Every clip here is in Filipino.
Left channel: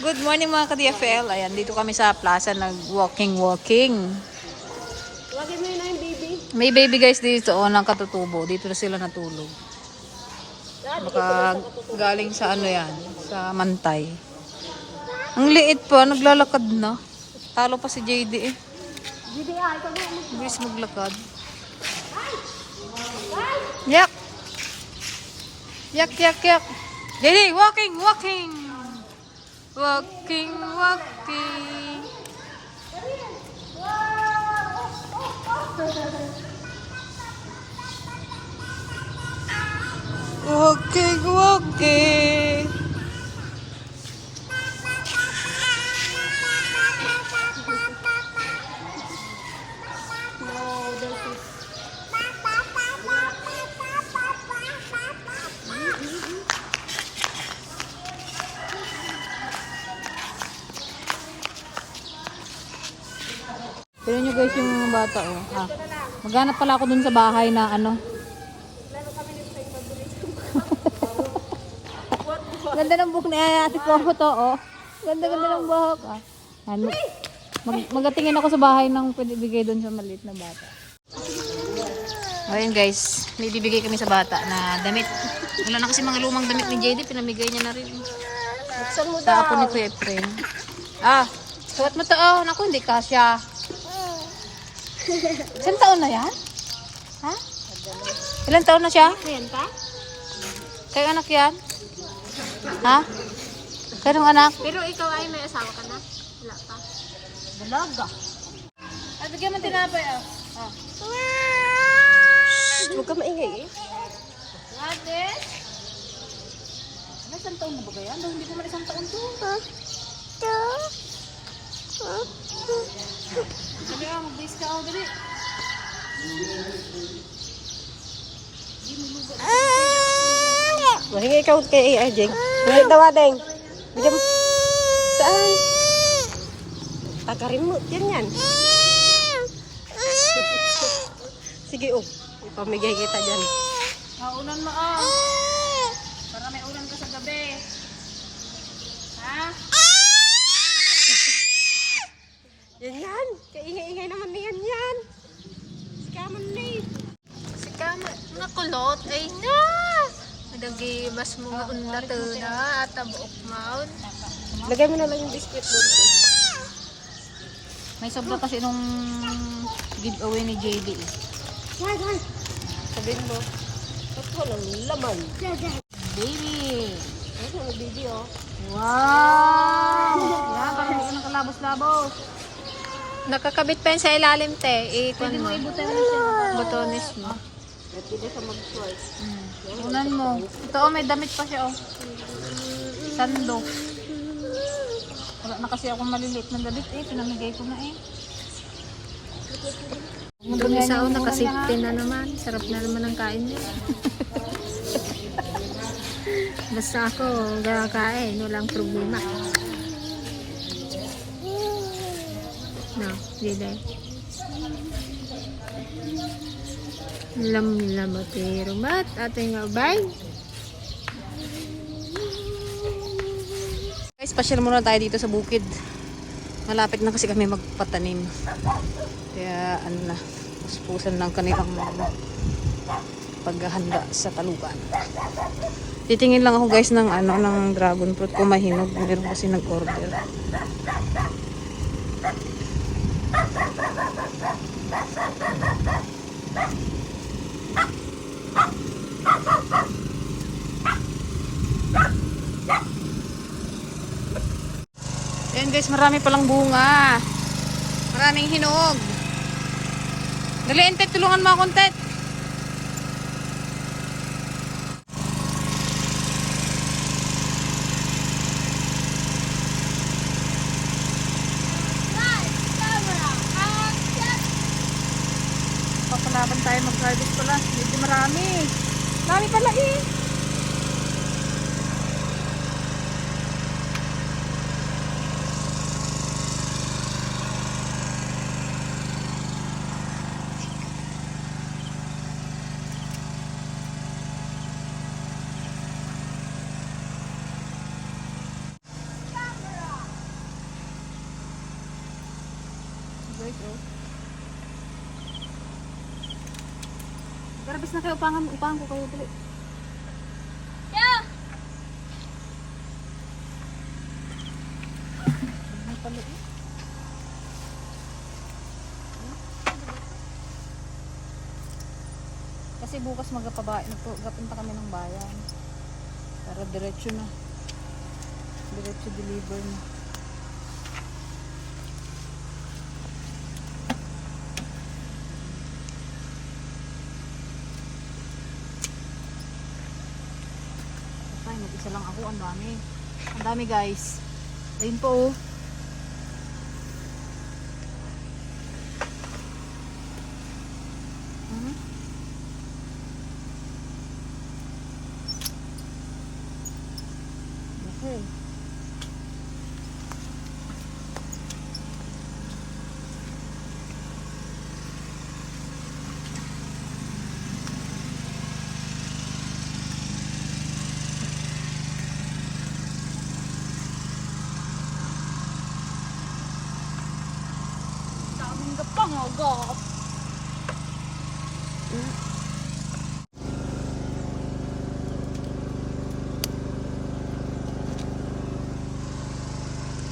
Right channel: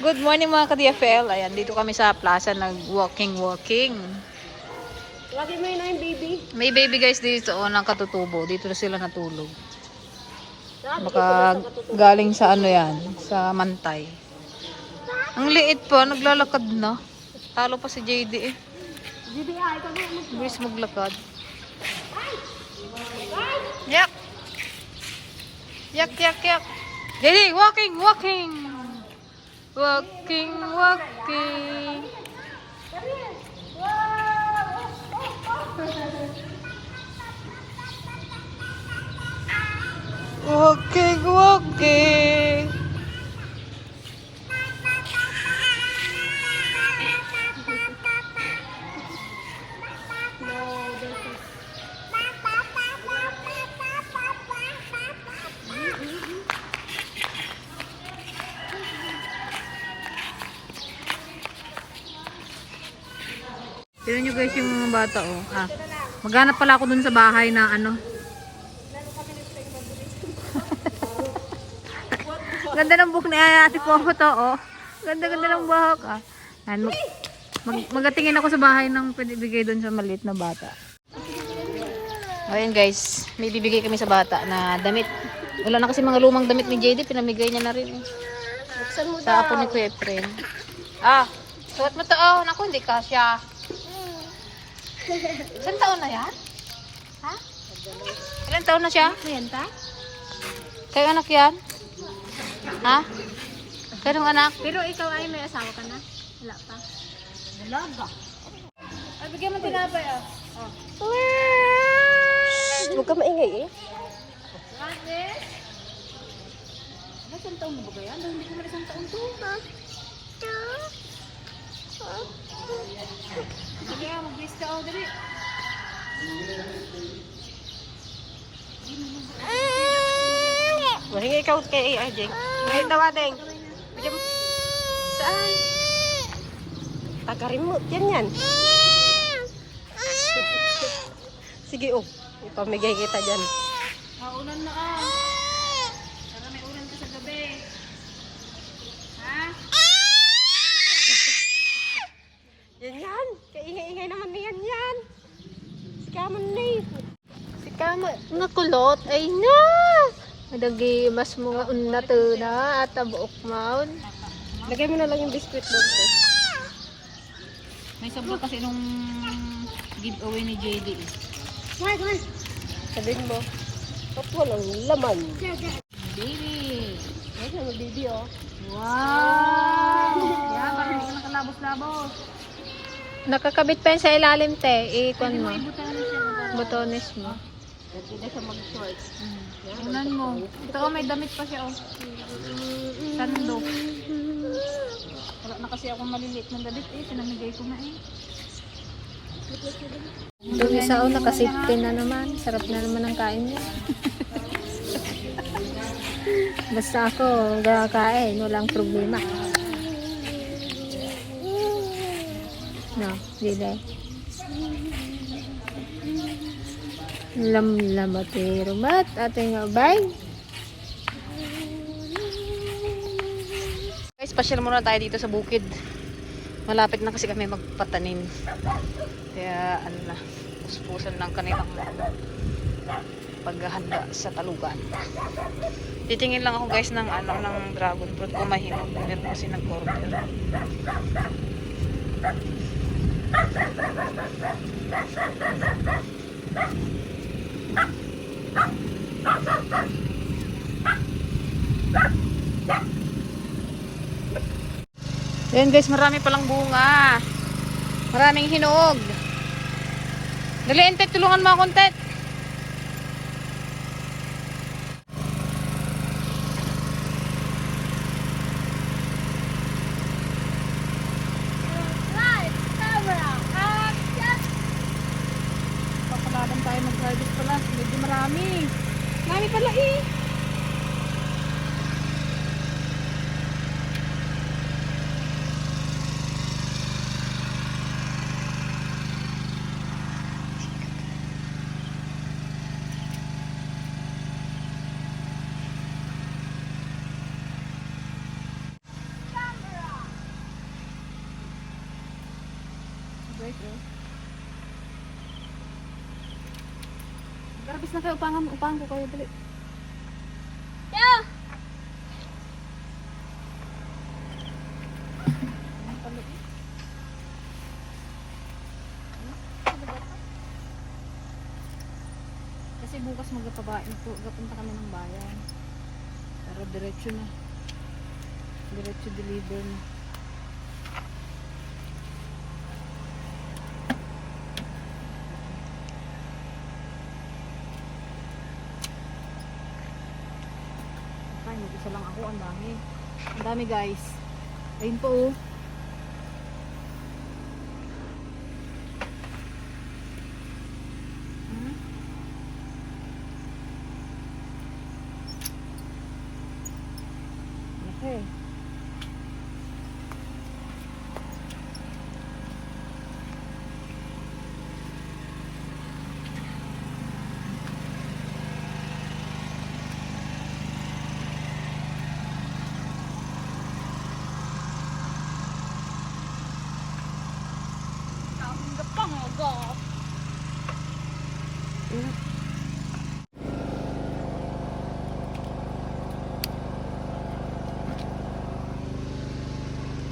Good morning mga ka-DFL. Ayan, dito kami sa plaza nag-walking. Lagi mo yun na yung baby. May baby guys dito, ng katutubo. Dito na sila natulog. Baka galing sa ano yan, sa Mantay. Ang liit pa, naglalakad na. Talo pa si JD eh. JD, ikaw na mo. Bilis maglakad. Yak! Yak. JD, walking. Walking. Walking. Tignan nyo guys yung mga bata oh. Maghanap pala ako dun sa bahay na ano. Ganda ng buhok ni Ate Popo to oh. Ganda ng buhok ah. Magatingin ako sa bahay ng pwede bigay dun sa maliit na bata. Ayun guys, may bibigay kami sa bata na damit. Wala na kasi mga lumang damit ni JD, pinamigay niya na rin eh. Sa apo ni Kuya Efren. Suot mo to oh. Naku, hindi kasya. Ilang taon na yan? Ha? Ilang taon na siya? Kayo anak yan? Ha? Kayo anak? Pero ikaw ay may asawa ka na? Wala pa. Dalaga. Ay, bigyan mo tinapay ah. Huwag ka maingay eh. Ate? Ano, isang taon na ba yan? Hindi ko man isang taon to. Dali mag-base ka ako, dali. Mahingi ikaw kay Ajeng. Hingi tawadeng. Bigyan mo. Saan? Tagarin mo. Yan. Sige oh. Ipamigay kita dyan. Ulan mo para may ulan ka sa gabi. Ha? Yan. Kaingay-ingay naman niyan yan. Sikaman na eh. Sikaman. Nga kulot. Ay nga. Nadagimas mo nga unna to na at buok maun. Lagay mo na lang yung biscuit doon. May sobra kasi nung giveaway ni JD eh. Hoy. Sabihin mo. Ba't walang laman? Baby. Ayun ang baby oh. Wow. Yan, parang hindi nang kalabos-labos. Nakakabit pa yun sa ilalim te. Ikon mo. Botones mo. Unan mo. Ito may damit pa siya Sando. Wala na kasi akong maliliit na damit pinamigay ko na Itong isa nakasipte na naman. Sarap na naman ang kain niya. Basta ako kakain. Walang problema. No, dili. Lamlamati rumat ating abay. Guys, pasyal muna tayo dito sa bukid. Malapit na kasi kami magpatanim. Kaya ano na, puspusan ng kanilang paghahanda sa talugan. Titingin lang ako guys ng ng dragon fruit ko mahinog. Meron kasi nag-order. Ayan guys, marami palang bunga. Maraming hinog. Dali, Entet, tulungan mo akong Tet. Papalaban tayo mag-harvest pala. Medyo marami. Marami pala eh. guys, oh. Garabis na kayo, upangan ko kayo, dali. Yeah. Kasi bukas magapunta kami ng bayan. Para diretso na. Diretso deliver na. Ay, mag-isa lang ako. Ang dami. Ang dami guys. Ayun po oh. Okay.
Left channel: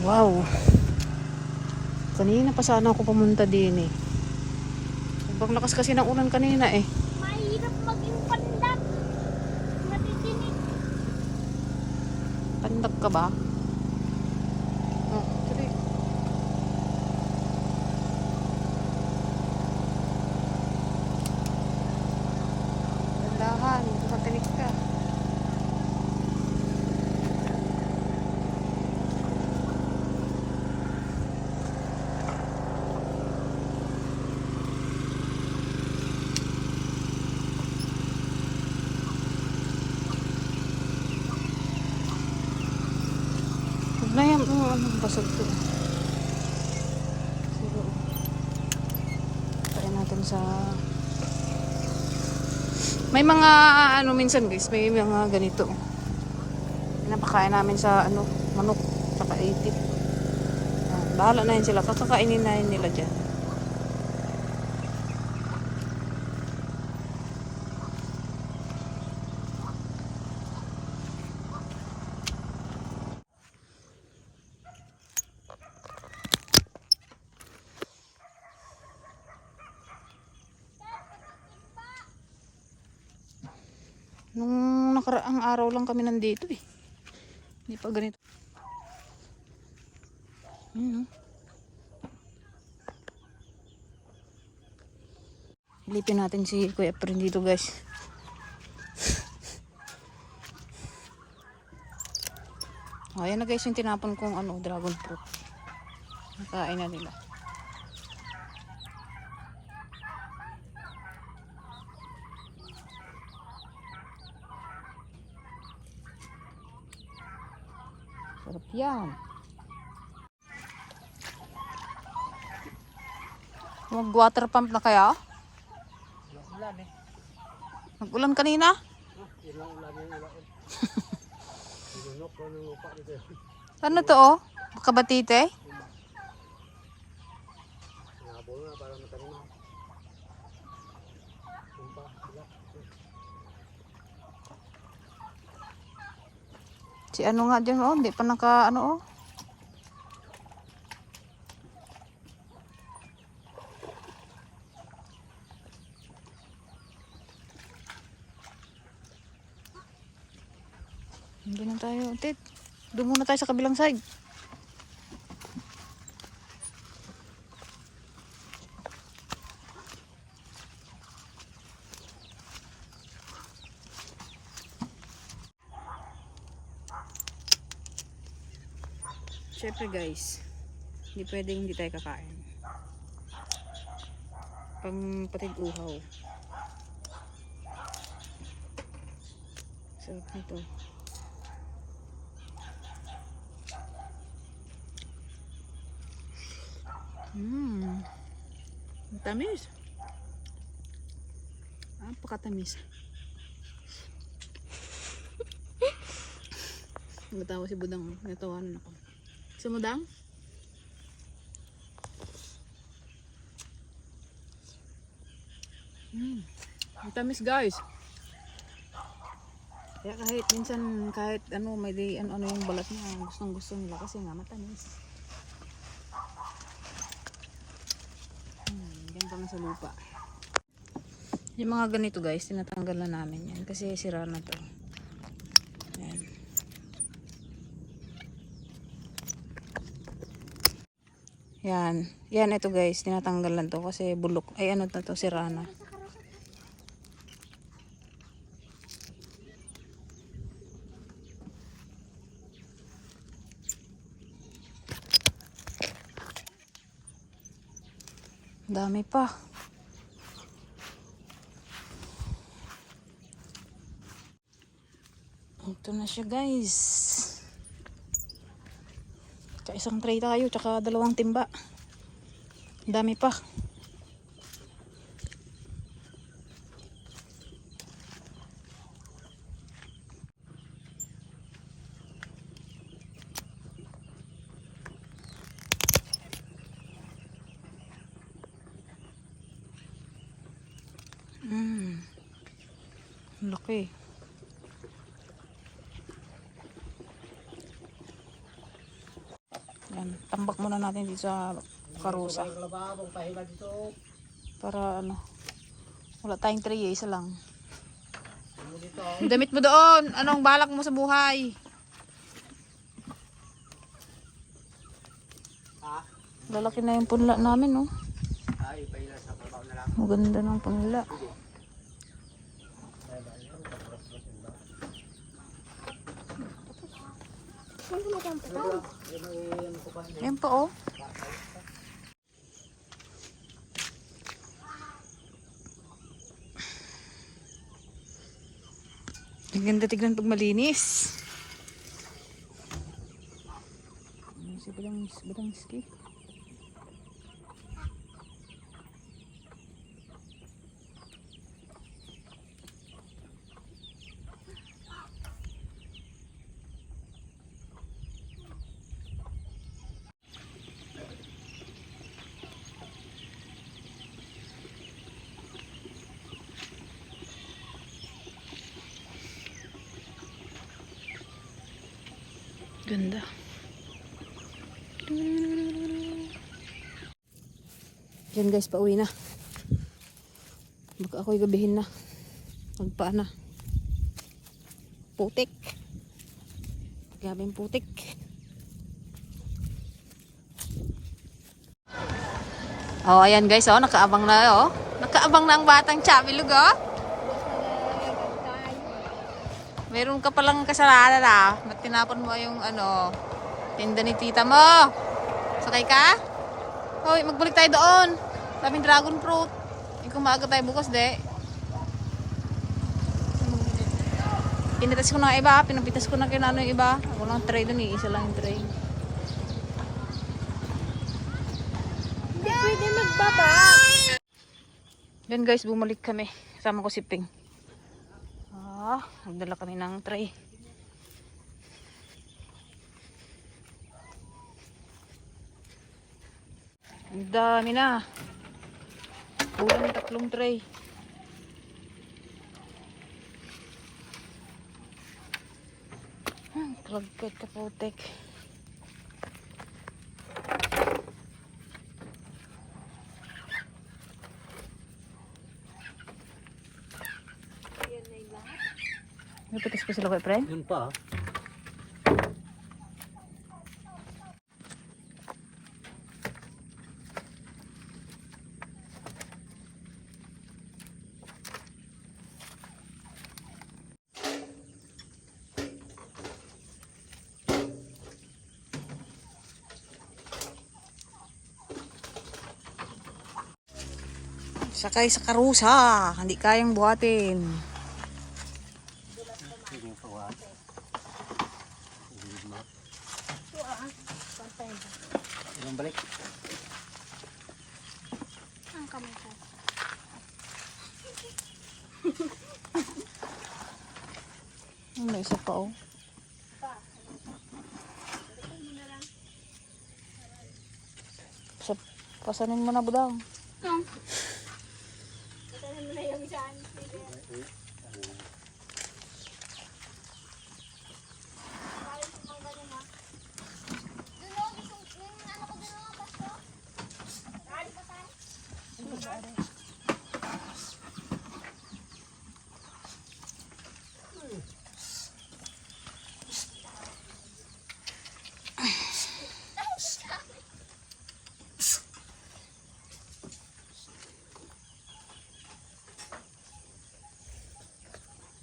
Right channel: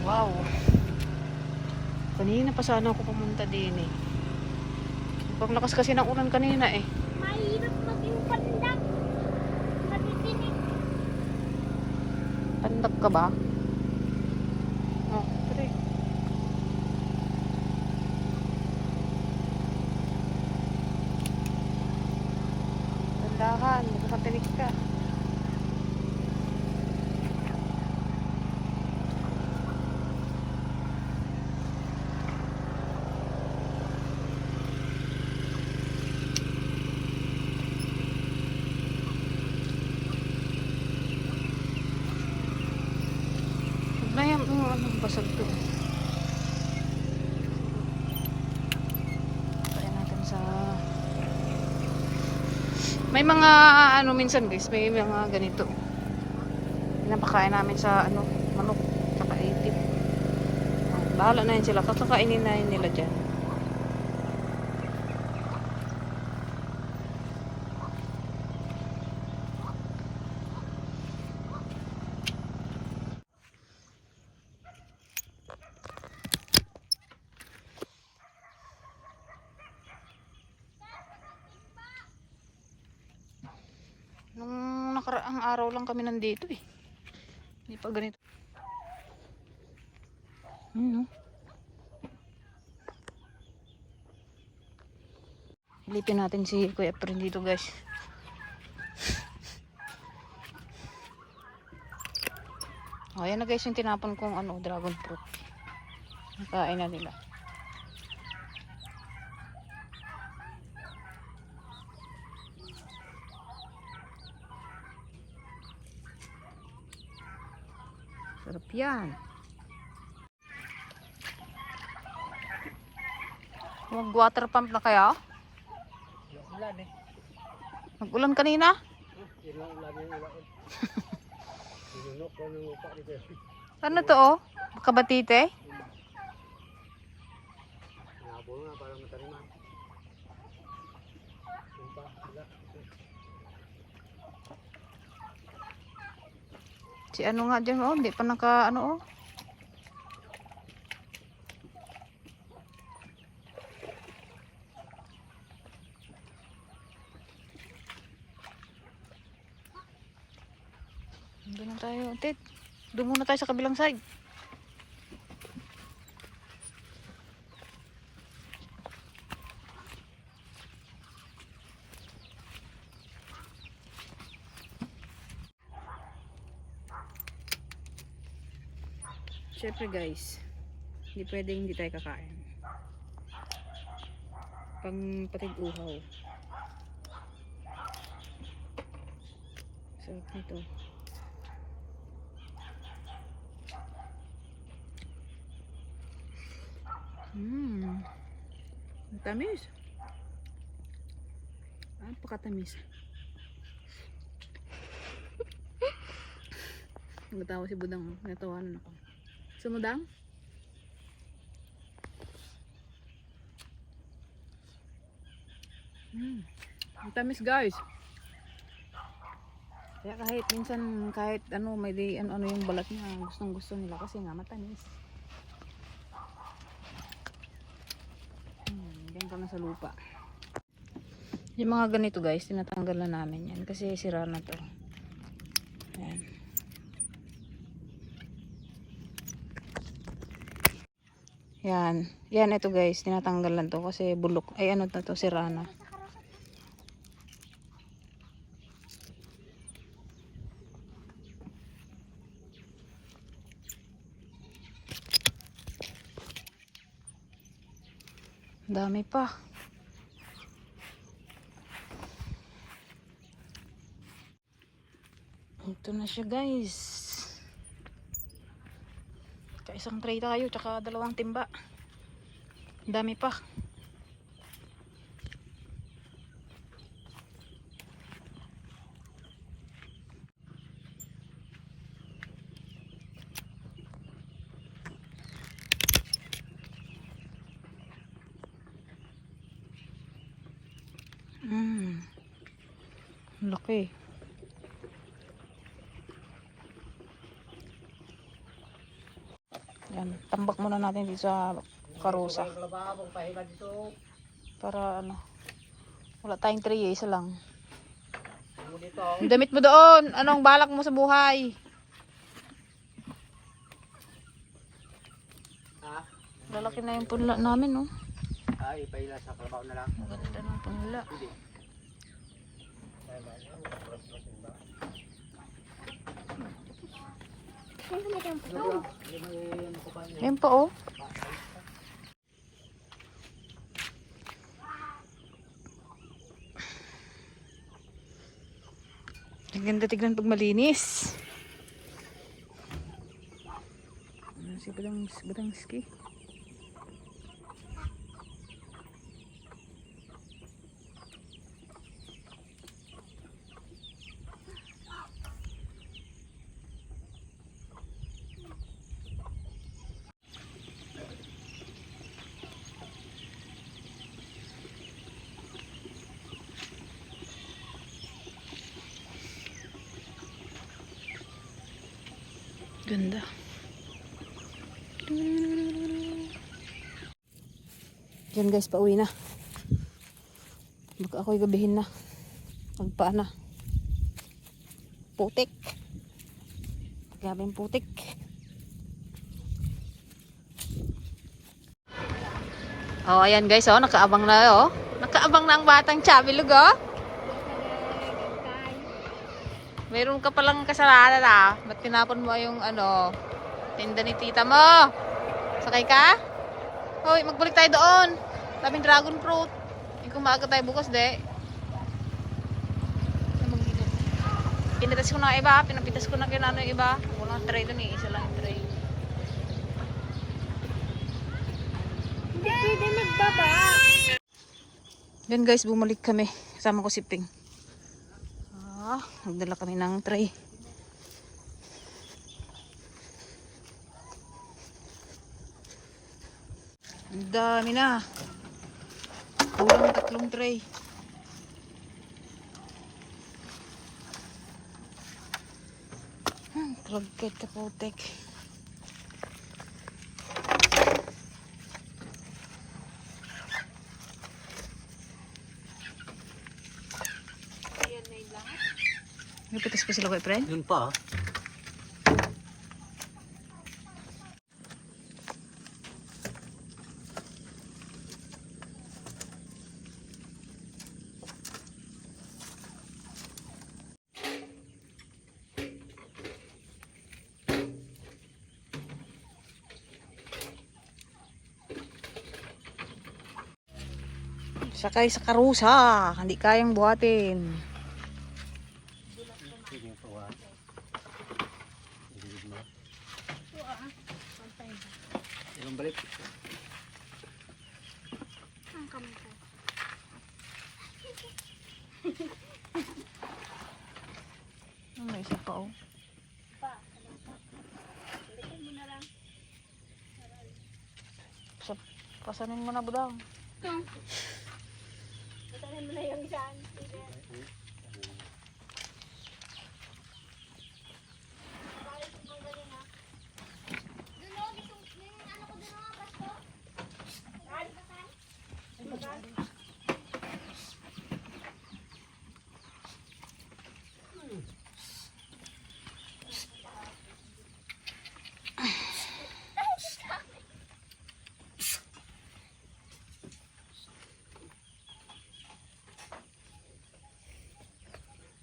Wow. Kanina pa sana ako pumunta din eh. Sobrang lakas kasi ng ulan kanina eh. Mahirap maging pandak. Madidinig. Pandak ka ba? Oh, tari. Dandahan, magkakatinig ka. Na yan, basag to. Kaya natin sa... May mga, minsan guys, may mga ganito. Pinapakain namin sa, manok, saka ipit. Bahala na yun sila, kakakainin na yun nila dyan. Nung nakaraang araw lang kami nandito eh. Hindi pa ganito. Ilipin natin si Kuya Efren dito guys. O, ayan na guys yung tinapon kong dragon fruit. Nakain na nila. Sarap yan. Mag-water pump na kaya? Ulan eh. Nag-ulan kanina? Yun lang ulan yung ulan. Inunok ko ng lupa dito. Ano to oh? Kabatite? Nabol na para mataniman. Sumpa sila. Si ano nga dyan oh? Hindi pa naka oh? Hindi na tayo, Tit. Doon muna tayo sa kabilang side. Siyempre guys, hindi pwedeng hindi tayo kakain. Pang patig uhaw. Sarap nito. Tamis. Napakatamis. Nagtawa si Budang. Natawanan ako. Sumudang? Ang tamis guys. Kaya kahit minsan kahit ano may di ano yung balat niya gustong gusto nila kasi nga matamis. Ganda na sa lupa. Yung mga ganito guys, tinatanggal na namin yan kasi sira na to. Ayan. Yan. Yan ito guys, tinatanggal na to kasi bulok. Ay ano na to, sira na. Dami pa. Ito na siya guys. Isang tray tayo, tsaka 2 timba. Dami pa. Laki. Yan, tambak muna natin dito sa karusa. Para ano, wala tayong tray, isa lang. Ang damit mo doon, anong balak mo sa buhay? Lalaki na yung punla namin, no? Ay, paila sa trabaho na lang. Maganda ng punla. Yan pa oh. Ang ganda tignan pag malinis. Si Badangski. Ganda. Yan guys, pauwi na. Baka ako'y gabihin na. Magpaan na. Putik. Gabing putik. Oh, ayan guys, oh, nakaabang na, oh. Nakaabang na ang batang Chabilog, oh. Meron ka palang kasalanan ah. Ba't tinapon mo yung ano, tinda ni tita mo? Sakay ka? Hoy, magbalik tayo doon. Daming dragon fruit. Kung maaga tayo bukas, de. Pinitas ko na iba. Pinapitas ko na kinano yung iba. Walang tray doon eh. Isa lang yung tray. Hindi pwede magbaba. Then guys, bumalik kami. Kasama ko si Ping. Nagdala kami ng tray. Ang dami na. Kulang 3 tray. Kragkat ka putek. Napitas pa sila ko, friend? Yun pa. Sakay sa karusa. Hindi kayang buhatin. Ilang balik. Ang kamay ko. May isa pa oh. Pasanin mo na budang. Itanin mo na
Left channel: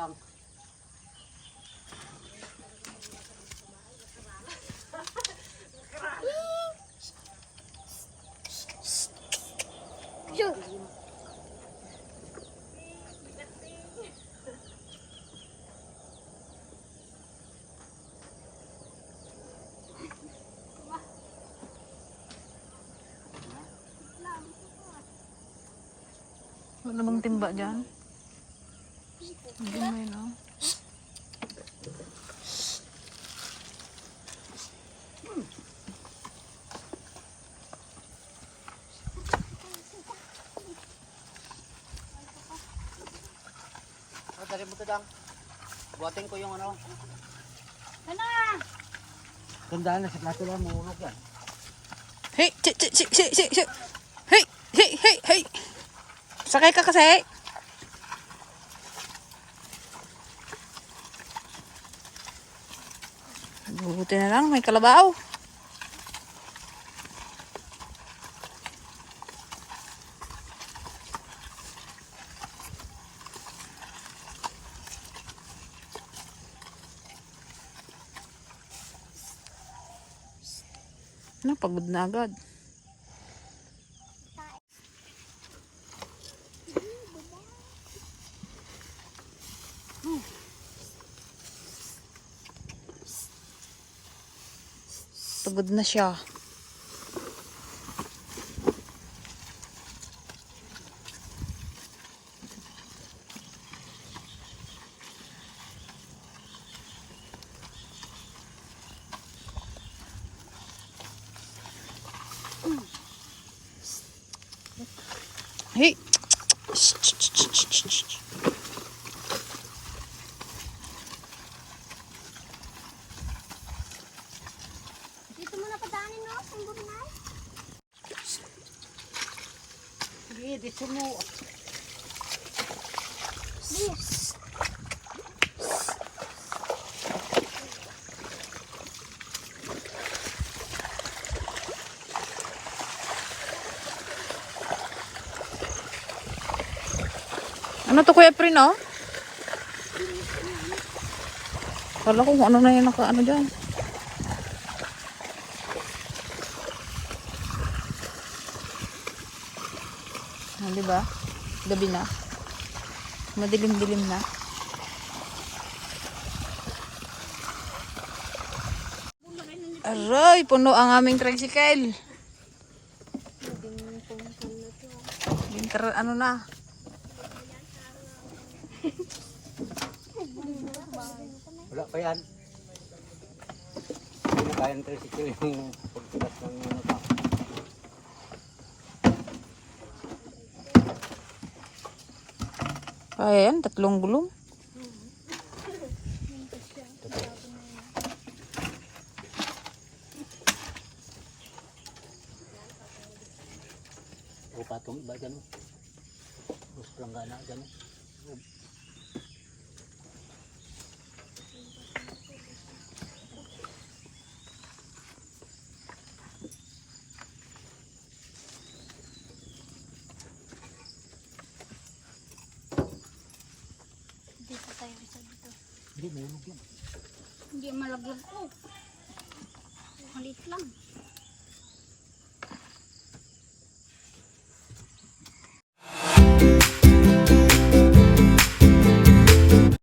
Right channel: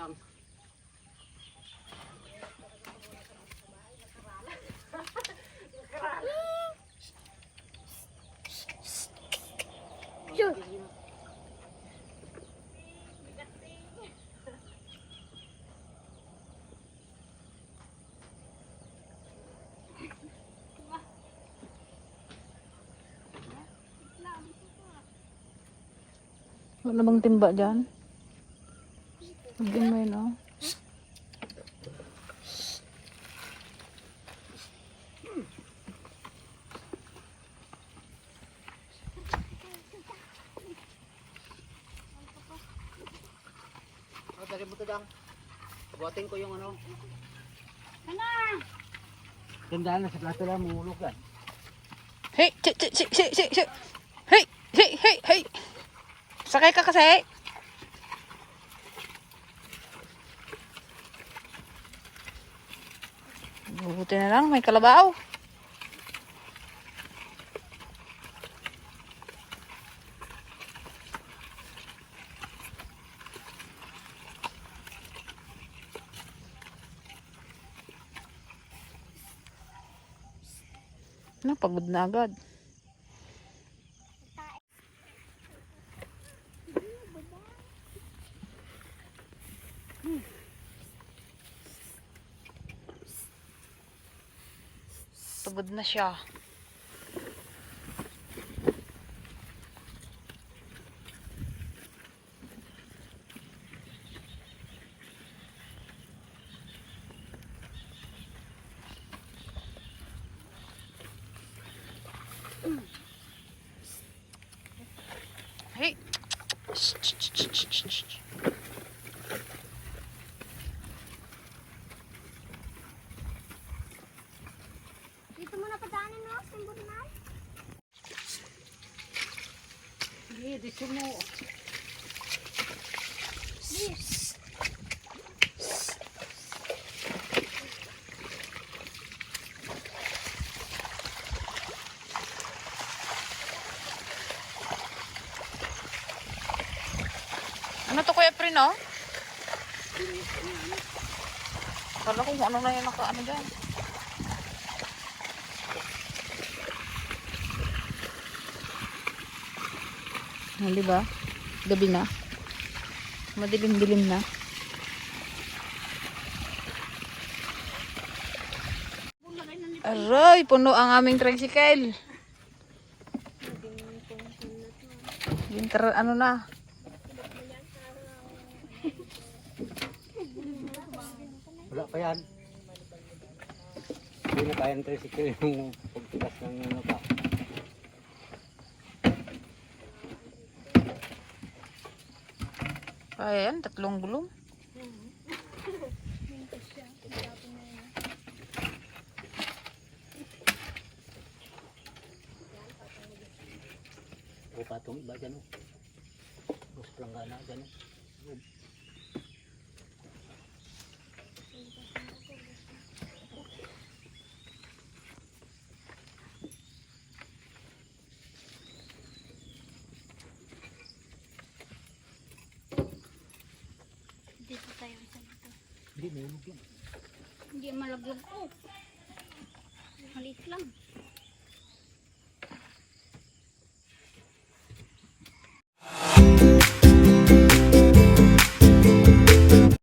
Lang. Wala bang timba dyan? Hindi mo yun, oh. Dali mo ito lang. Buhatin ko yung ano. Ano? Tandaan na sa plato lang, mulok yan. Hey! Hey! Hey! Sakay ka kasi! Buti na lang, may kalabaw. Pagod na agad. Pagod na siya. Hey! Dito mo na padaanin, no? Samburo na. Sige, dito mo. Yes. Ano to, Kuya Prin, oh? Kala ko kung ano na yung naka-ano dyan. Ah, diba? Gabi na. Madilim-dilim na. Aray, puno ang aming tricycle. Winter, ano na. Wala pa yan. Hindi na kaya ng tricycle yung pagtilas ng ano pa. Kaya yan, 3 gulong. O patong iba dyan o. Bus planggana dyan o. Dito tayo isa dito. Hindi, nahulog yan. Hindi malaglag ko. Malit lang.